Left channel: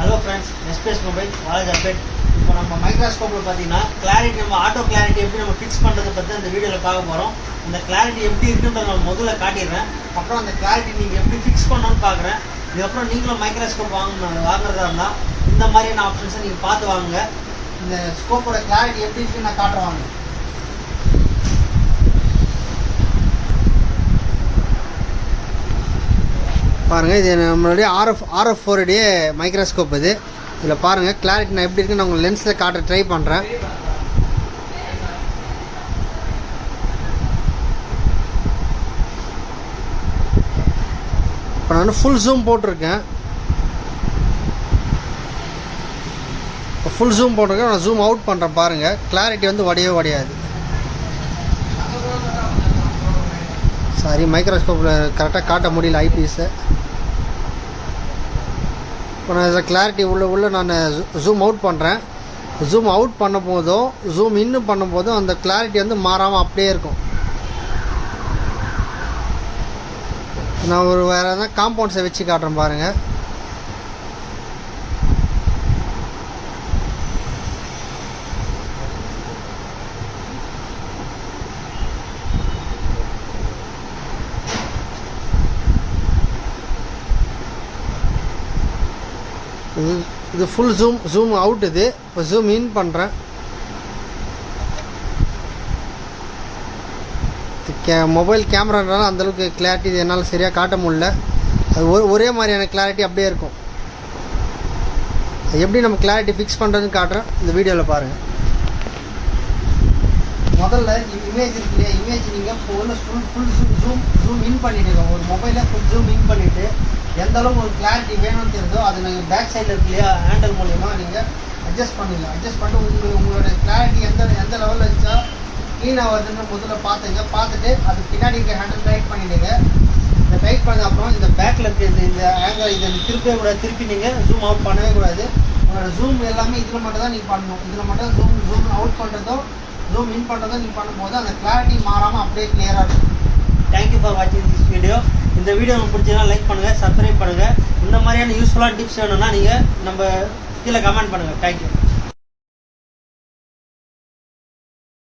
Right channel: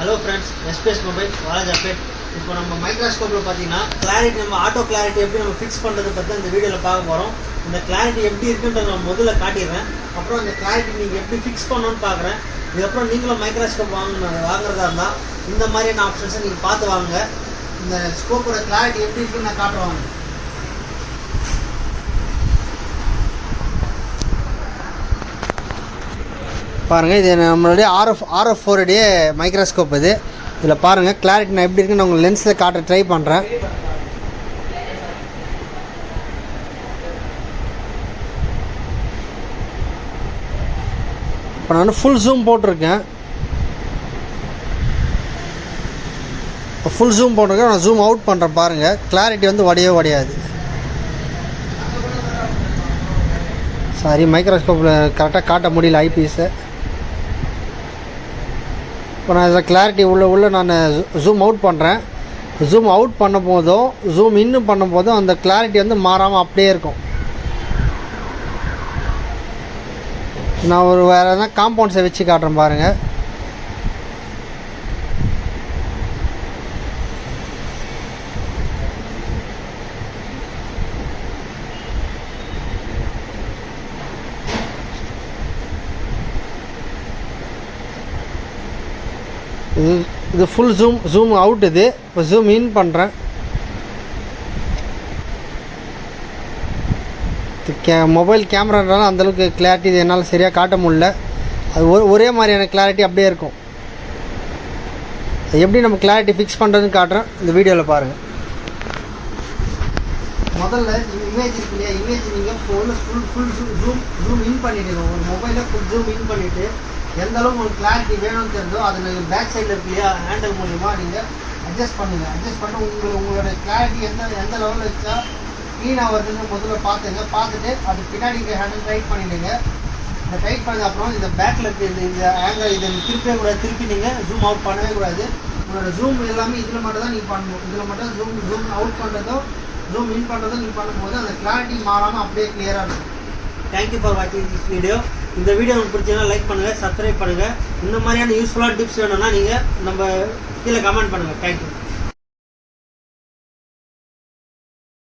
Hello friends, SPS Mobile, Valaj update. இப்போ நம்ம மைக்ரோஸ்கோப்பில் பார்த்தீங்கன்னா கிளாரிட்டி நம்ம ஆட்டோ கிளாரிட்டி எப்படி நம்ம ஃபிக்ஸ் பண்ணுறது பற்றி இந்த வீடியோவில் பார்க்க போகிறோம். அந்த கிளாரிட்டி எப்படி இருக்குன்றத நான் முதல்ல காட்டிடுறேன். அப்புறம் அந்த கிளாரிட்டி நீங்கள் எப்படி ஃபிக்ஸ் பண்ணணும்னு பார்க்குறேன். இதுக்கப்புறம் நீங்களும் மைக்ரோஸ்கோப் வாங்குறதா இருந்தால் இந்த மாதிரியான ஆப்ஷன்ஸை நீங்கள் பார்த்து வாங்குங்க. இந்த ஸ்கோப்போட கிளாரிட்டி எப்படி இருக்குன்னு நான் காட்டுவாங்க. பாருங்கள், இது நம்மளுடைய RF 4D மைக்ரோஸ்கோப். இது இதில் பாருங்கள் கிளாரிட்டி நான் எப்படி இருக்குன்னு நான் உங்களுக்கு லென்ஸில் காட்ட ட்ரை பண்ணுறேன். இப்போ நான் ஃபுல் ஜூம் போட்டிருக்கேன். இப்போ ஃபுல் ஜூம் போட்டிருக்கேன். நான் ஜூம் அவுட் பண்ணுறேன். பாருங்கள் கிளாரிட்டி வந்து உடையாது. சாரி, மைக்ரோஸ்கோப்பில் கரெக்டாக காட்ட முடியல ஐபீஸை. இப்போ நான் இதில் கிளாரிட்டி உள்ள நான் ஜூம் அவுட் பண்ணுறேன். ஜூம் அவுட் பண்ண போதும் ஜூம் இன்னும் பண்ணும் போதும் அந்த கிளாரிட்டி வந்து மாறாமல் அப்படியே இருக்கும். நான் ஒரு வேறு எதனா காம்பவுண்ட்ஸை வச்சு காட்டுறேன் பாருங்கள். இது ஃபுல் ஜூம் அவுட். இது இப்போ ஜூம் இன் பண்ணுறேன். மொபைல் கேமரானால அந்தளவுக்கு கிளாரிட்டி இது என்னால் சரியாக காட்ட முடியல. அது ஒரே மாதிரியான கிளாரிட்டி அப்படியே இருக்கும். எப்படி நம்ம கிளாரிட்டி ஃபிக்ஸ் பண்ணுறதுன்னு காட்டுறேன், இந்த வீடியோவில் பாருங்கள். முதல்ல இமேஜ் இருக்கு இல்லையா, இமேஜ் நீங்கள் ஃபுல் ஜூம் இன் பண்ணிவிடுங்க. ஒரு மொபைலில் ஃபுல் ஜூம் இன் பண்ணிவிட்டு எந்த அளவுக்கு உங்களுக்கு கிளாரிட்டி வேணும்னு தெரிஞ்சோ அது நீங்கள் பேக் சைடில் இருக்கு இல்லையா, ஹேண்டில் மூலிமா நீங்கள் அட்ஜஸ்ட் பண்ணுங்கள். அட்ஜஸ்ட் பண்ணி உங்களோட கிளாரிட்டி எந்த லெவலில் வச்சா க்ளீனாக வருதுன்னு முதல்ல பார்த்துட்டு அது பின்னாடி ஹேண்டில் டைட் பண்ணிவிடுங்க. இந்த டைட் பண்ணது அப்புறம் இந்த பேக்கில் இருக்க இந்த ஆங்கிள் இதை திருப்பவே கூடாது. திருப்பி நீங்கள் ஜூம் அவுட் பண்ணவே கூடாது. உங்களோட ஜூம் எல்லாமே இதில் மட்டும் தான் நீங்கள் பண்ணணும். இதில் மட்டும் ஜூம் அவுட் பண்ணுறதும் ஜூம் இன் பண்ணுறதும் நீங்கள் பண்ணும்போது அந்த கிளாரிட்டி மாறாமல் அப்படியே கிளியராக இருக்கும். தேங்க்யூ ஃபார் வாட்சிங் திஸ் வீடியோ. இந்த வீடியோ உங்களுக்கு பிடிச்சதுன்னா லைக் பண்ணுங்கள், சப்ஸ்கிரைப் பண்ணுங்கள். இந்த மாதிரியான யூஸ்ஃபுல்லான டிப்ஸ் வேணும்னா நீங்கள் நம்ம கீழே கமெண்ட் பண்ணுங்கள். தேங்க்யூ.